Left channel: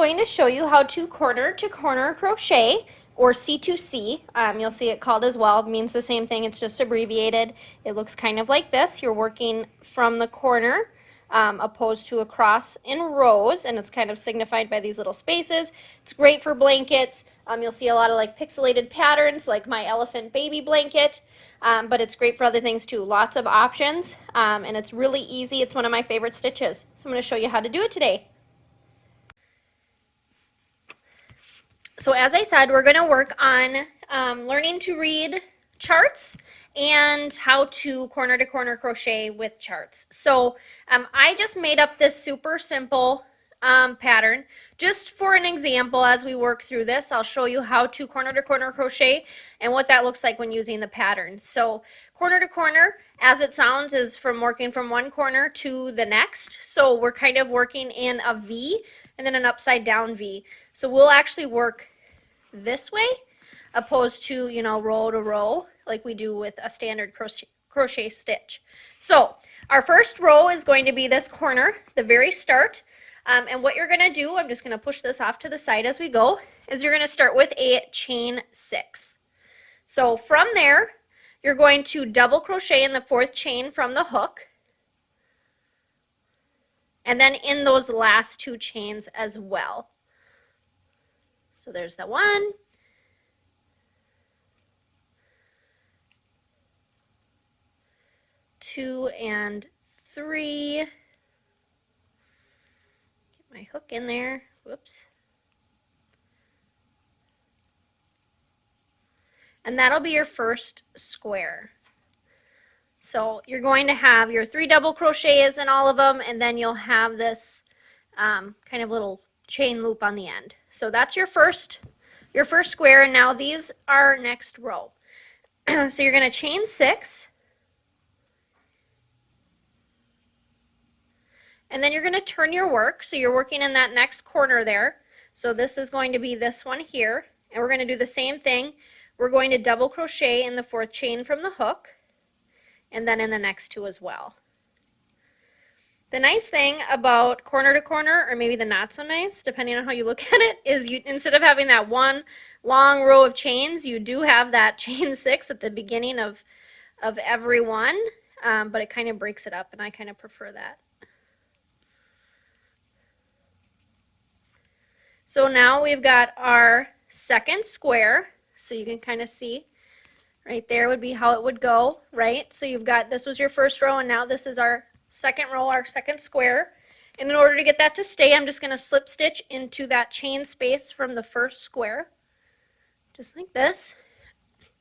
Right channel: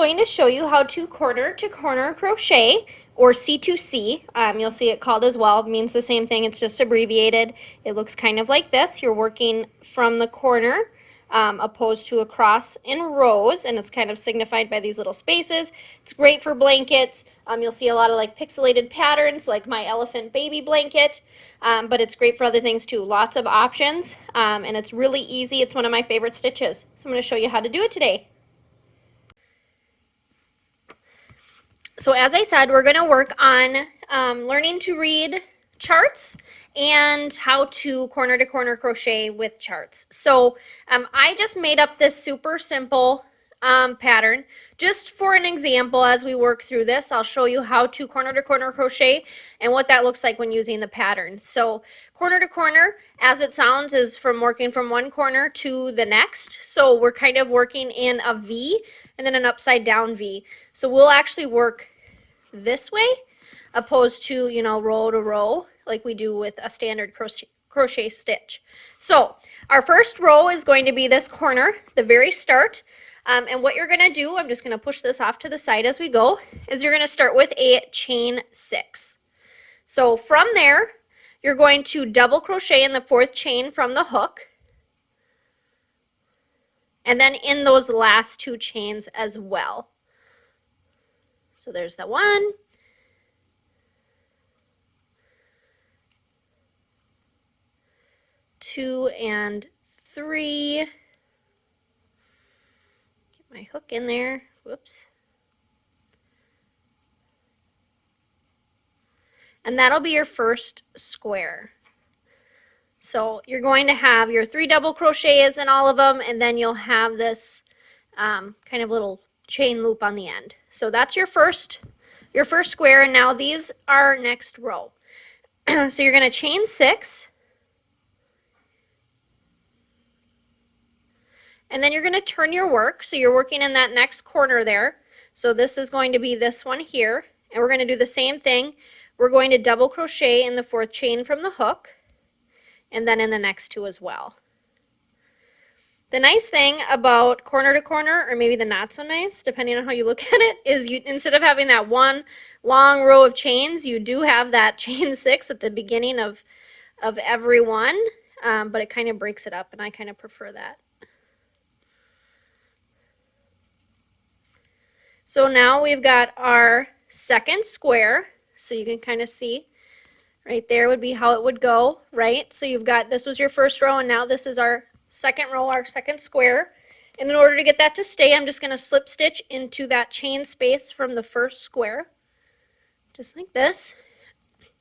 going to show you how to corner to corner crochet, or C2C. You'll see it called as well. It means the same thing, it's just abbreviated. It looks kind of like this. You're working from the corner opposed to across in rows, and it's kind of signified by these little spaces. It's great for blankets. You'll see a lot of like pixelated patterns like my elephant baby blanket, but it's great for other things too. Lots of options, and it's really easy. It's one of my favorite stitches. So I'm going to show you how to do it today. So as I said, we're going to work on learning to read charts and how to corner crochet with charts. So I just made up this super simple pattern just for an example. As we work through this, I'll show you how to corner crochet and what that looks like when using the pattern. So corner to corner, as it sounds, is from working from one corner to the next. So we're kind of working in a V and then an upside down V. So we'll actually work this way opposed to, you know, row to row like we do with a standard crochet stitch. So our first row is going to be this corner, the very start. And what you're going to do, I'm just going to push this off to the side as we go, is you're going to start with a chain 6. So from there, you're going to double crochet in the 4th chain from the hook, and then in those last 2 chains as well. So there's the 1, 2, and 3. Get my hook in there. Whoops. And that'll be your first square. So you're going to have your 3 double crochets in all of them, and then you'll have this kind of little chain loop on the end. So that's your first square, and now these are next row. So you're going to chain 6, and then you're going to turn your work. So you're working in that next corner there. So this is going to be this one here, and we're going to do the same thing. We're going to double crochet in the 4th chain from the hook, and then in the next 2 as well. The nice thing about corner to corner, or maybe the not so nice, depending on how you look at it, is you, instead of having that one long row of chains, you do have that chain 6 at the beginning of every one, but it kind of breaks it up, and I kind of prefer that. So now we've got our second square, so you can kind of see right there would be how it would go, right? So you've got, this was your first row, and now this is our second row, our second square. And in order to get that to stay, I'm just going to slip stitch into that chain space from the first square, just like this.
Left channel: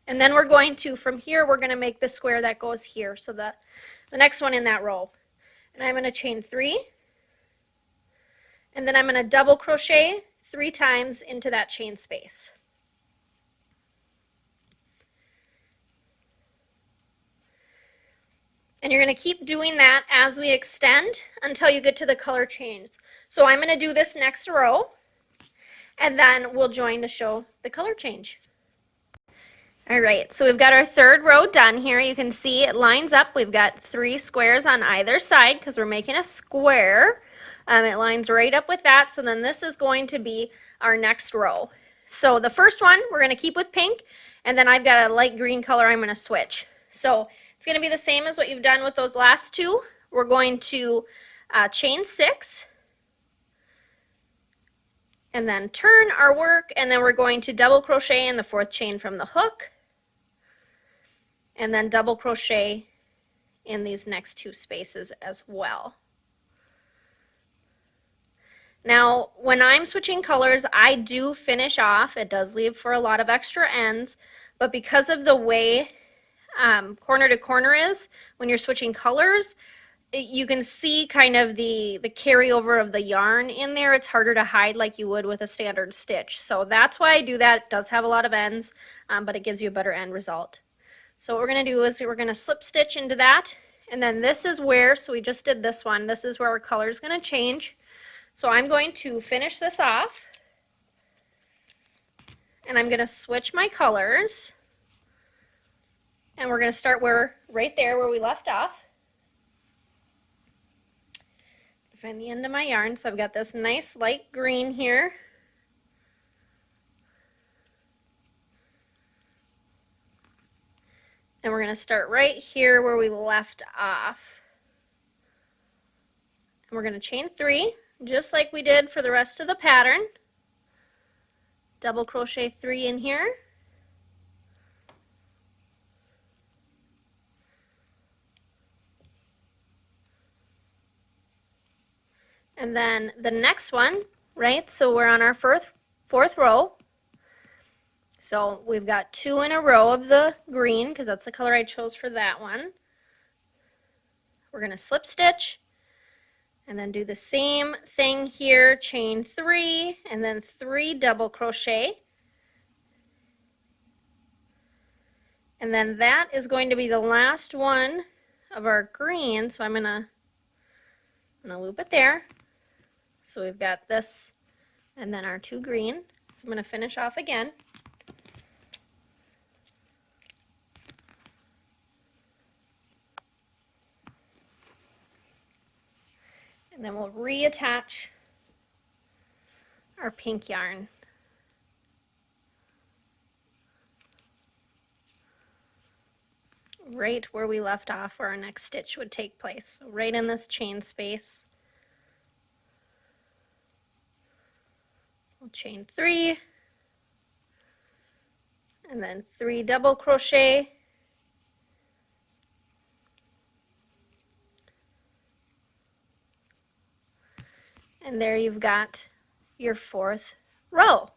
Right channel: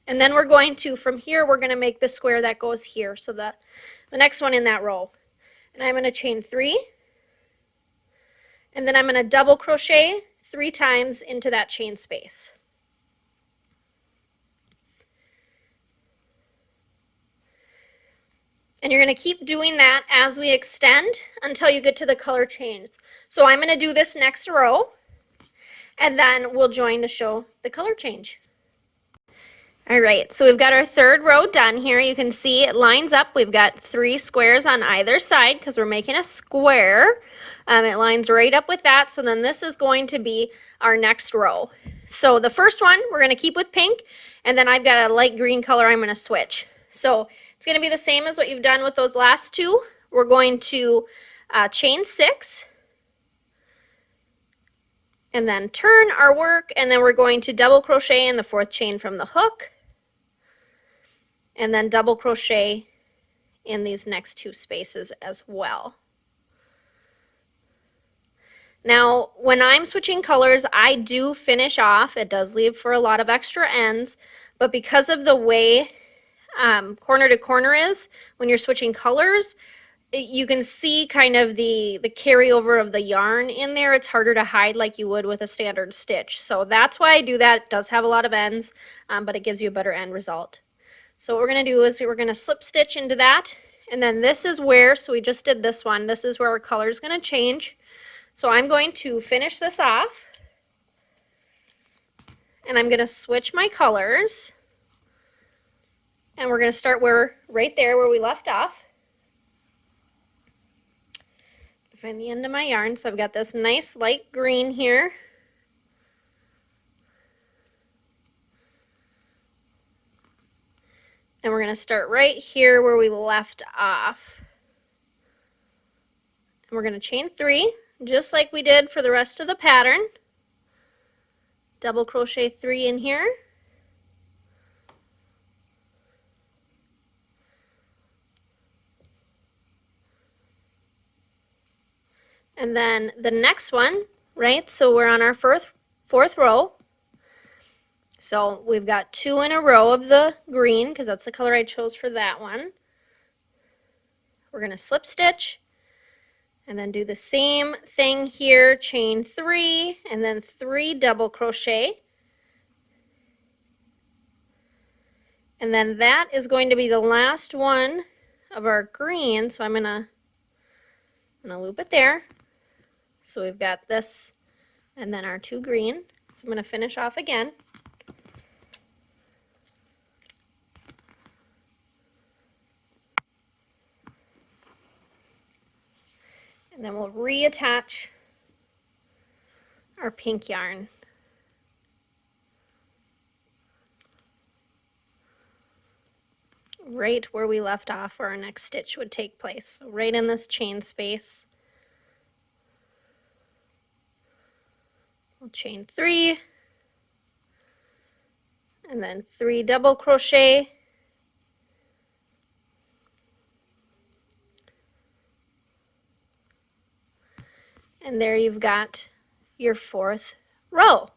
And then we're going to, from here, we're going to make the square that goes here, so the next one in that row. And I'm going to chain 3, and then I'm going to double crochet 3 times into that chain space. And you're going to keep doing that as we extend until you get to the color change. So I'm going to do this next row, and then we'll join to show the color change. All right, so we've got our 3rd row done here. You can see it lines up. We've got 3 squares on either side because we're making a square. It lines right up with that. So then this is going to be our next row. So the first one we're going to keep with pink, and then I've got a light green color I'm going to switch. So it's going to be the same as what you've done with those last 2. We're going to chain 6, and then turn our work, and then we're going to double crochet in the 4th chain from the hook, and then double crochet in these next 2 spaces as well. Now, when I'm switching colors, I do finish off. It does leave for a lot of extra ends, but because of the way corner to corner is, when you're switching colors, you can see kind of the carryover of the yarn in there. It's harder to hide like you would with a standard stitch. So that's why I do that. It does have a lot of ends, but it gives you a better end result. So what we're going to do is we're going to slip stitch into that, and then this is where, so we just did this one, this is where our color is going to change. So I'm going to finish this off, and I'm going to switch my colors. And we're going to start right there where we left off. Find the end of my yarn. So I've got this nice light green here. And we're going to start right here where we left off. And we're going to chain 3, just like we did for the rest of the pattern. Double crochet 3 in here. And then the next one, right? So we're on our fourth row. So we've got 2 in a row of the green, because that's the color I chose for that one. We're going to slip stitch and then do the same thing here, chain 3 and then 3 double crochet. And then that is going to be the last one of our green, so I'm gonna loop it there. So we've got this and then our 2 green. So I'm gonna finish off again. And then we'll reattach our pink yarn. Right where we left off where our next stitch would take place. So right in this chain space. We'll chain 3 and then 3 double crochet. And there you've got your 4th row.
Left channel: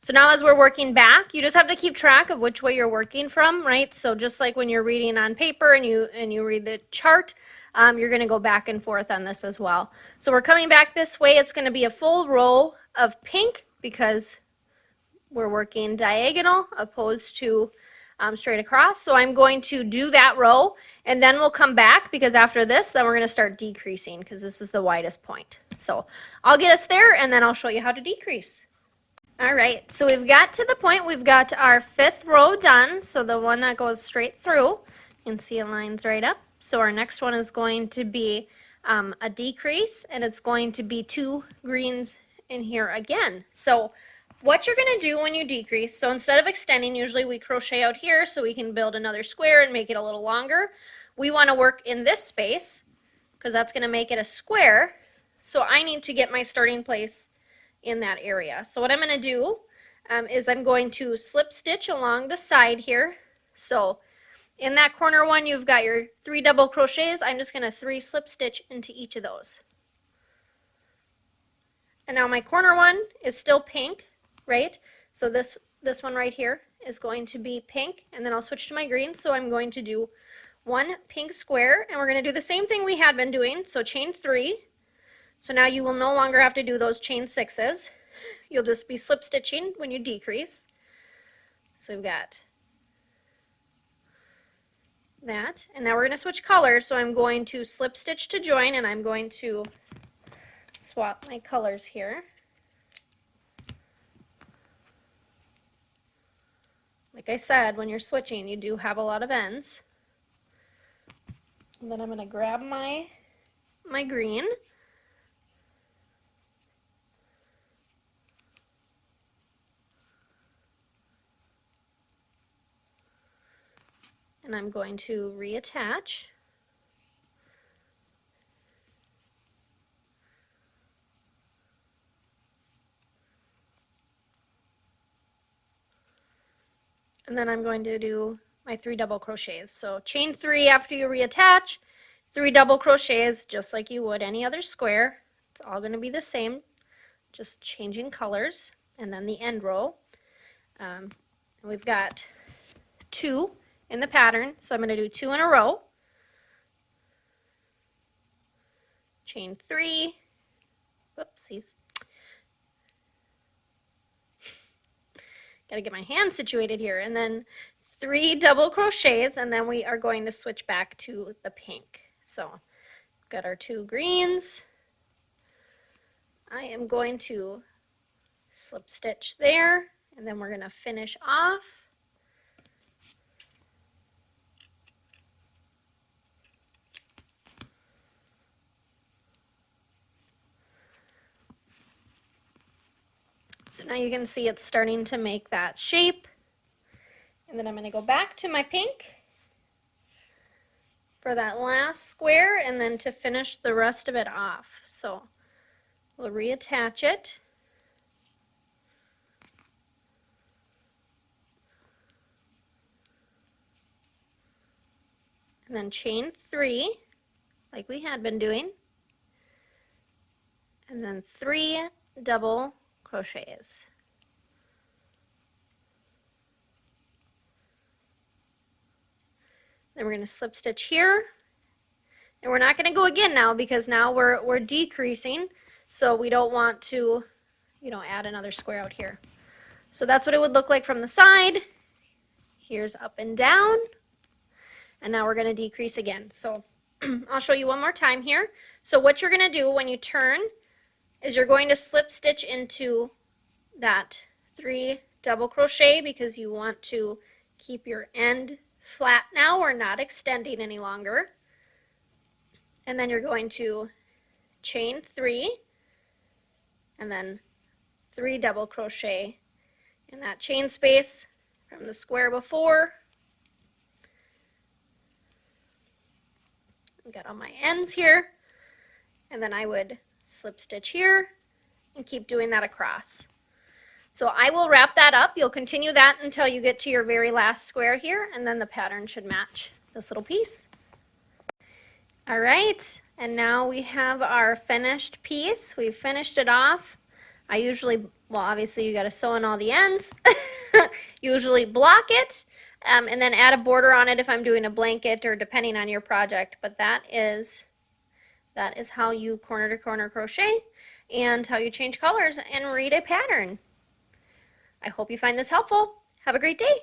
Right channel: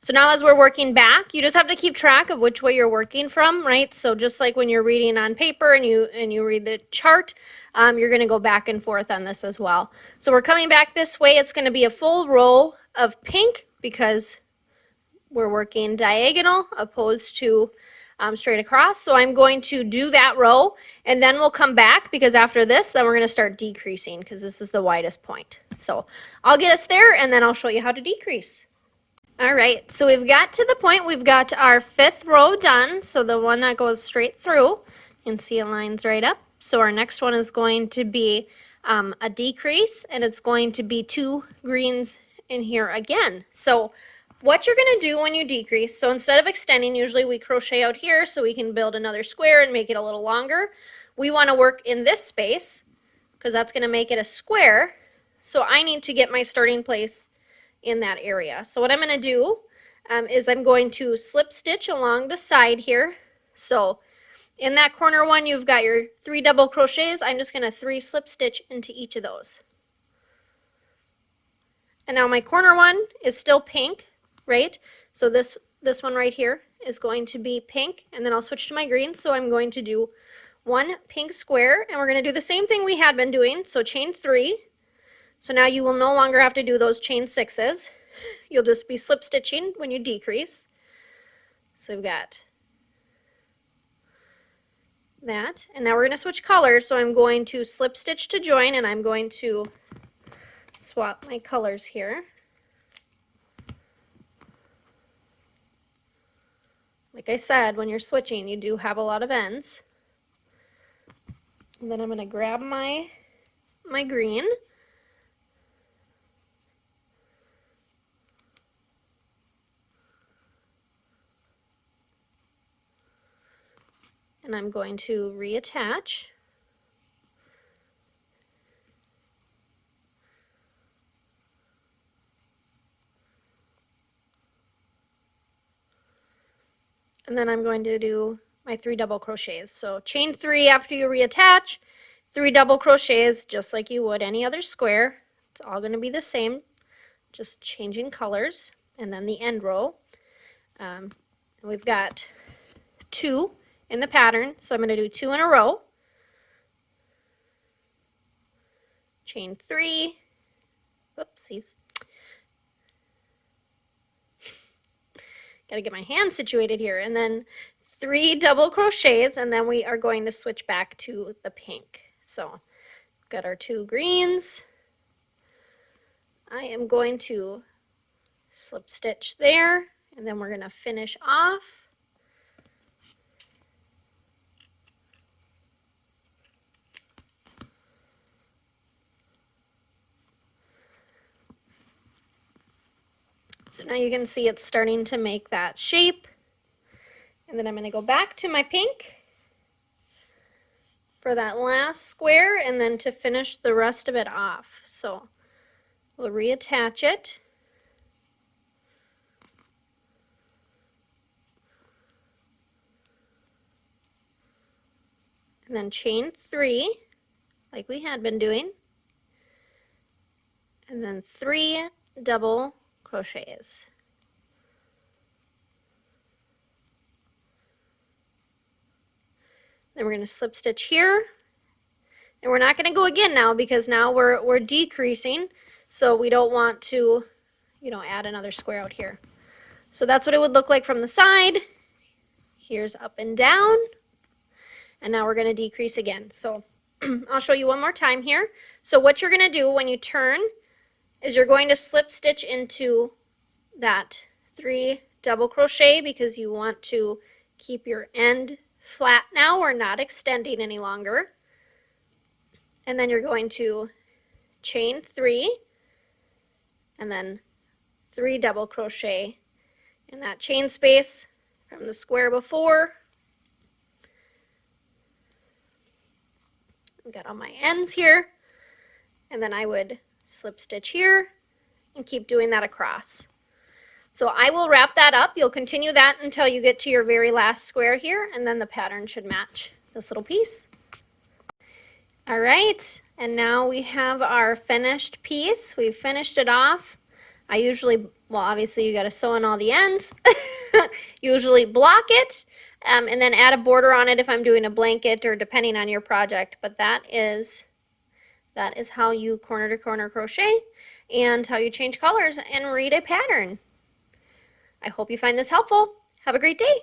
So now as we're working back, you just have to keep track of which way you're working from, right? So just like when you're reading on paper and you read the chart, you're going to go back and forth on this as well. So we're coming back this way. It's going to be a full row of pink because we're working diagonal opposed to straight across. So I'm going to do that row and then we'll come back because after this, then we're going to start decreasing because this is the widest point. So I'll get us there and then I'll show you how to decrease. All right, so we've got to the point, we've got our 5th row done, so the one that goes straight through. You can see it lines right up. So our next one is going to be a decrease, and it's going to be 2 greens in here again. So what you're going to do when you decrease, so instead of extending, usually we crochet out here so we can build another square and make it a little longer. We want to work in this space because that's going to make it a square. So I need to get my starting place in that area. So what I'm going to do is I'm going to slip stitch along the side here. So in that corner one, you've got your 3 double crochets. I'm just going to 3 slip stitch into each of those. And now my corner one is still pink, right? So this one right here is going to be pink, and then I'll switch to my green. So I'm going to do 1 pink square, and we're going to do the same thing we had been doing. So chain 3. So now you will no longer have to do those chain 6s. You'll just be slip stitching when you decrease. So we've got that. And now we're going to switch colors. So I'm going to slip stitch to join, and I'm going to swap my colors here. Like I said, when you're switching, you do have a lot of ends. And then I'm going to grab my green. And I'm going to reattach. And then I'm going to do my 3 double crochets. So chain 3 after you reattach, 3 double crochets just like you would any other square. It's all going to be the same, just changing colors. And then the end row. We've got 2 in the pattern, so I'm going to do 2 in a row. Chain 3. Whoopsies. Got to get my hand situated here. And then 3 double crochets, and then we are going to switch back to the pink. So we've got our 2 greens. I am going to slip stitch there, and then we're going to finish off. So now you can see it's starting to make that shape. And then I'm going to go back to my pink for that last square and then to finish the rest of it off. So we'll reattach it. And then chain 3 like we had been doing. And then 3 double crochets. Then we're going to slip stitch here. And we're not going to go again now because now we're decreasing. So we don't want to, you know, add another square out here. So that's what it would look like from the side. Here's up and down. And now we're going to decrease again. So I'll show you one more time here. So what you're going to do when you turn is you're going to slip stitch into that 3 double crochet because you want to keep your end flat now. We're not extending any longer. And then you're going to chain 3 and then 3 double crochet in that chain space from the square before. I've got all my ends here, and then I would slip stitch here and keep doing that across. So I will wrap that up. You'll continue that until you get to your very last square here, and then the pattern should match this little piece. All right, and now we have our finished piece. We've finished it off. I usually, well, obviously you got to sew in all the ends. Usually block it and then add a border on it if I'm doing a blanket or depending on your project. But that is how you corner to corner crochet and how you change colors and read a pattern. I hope you find this helpful. Have a great day.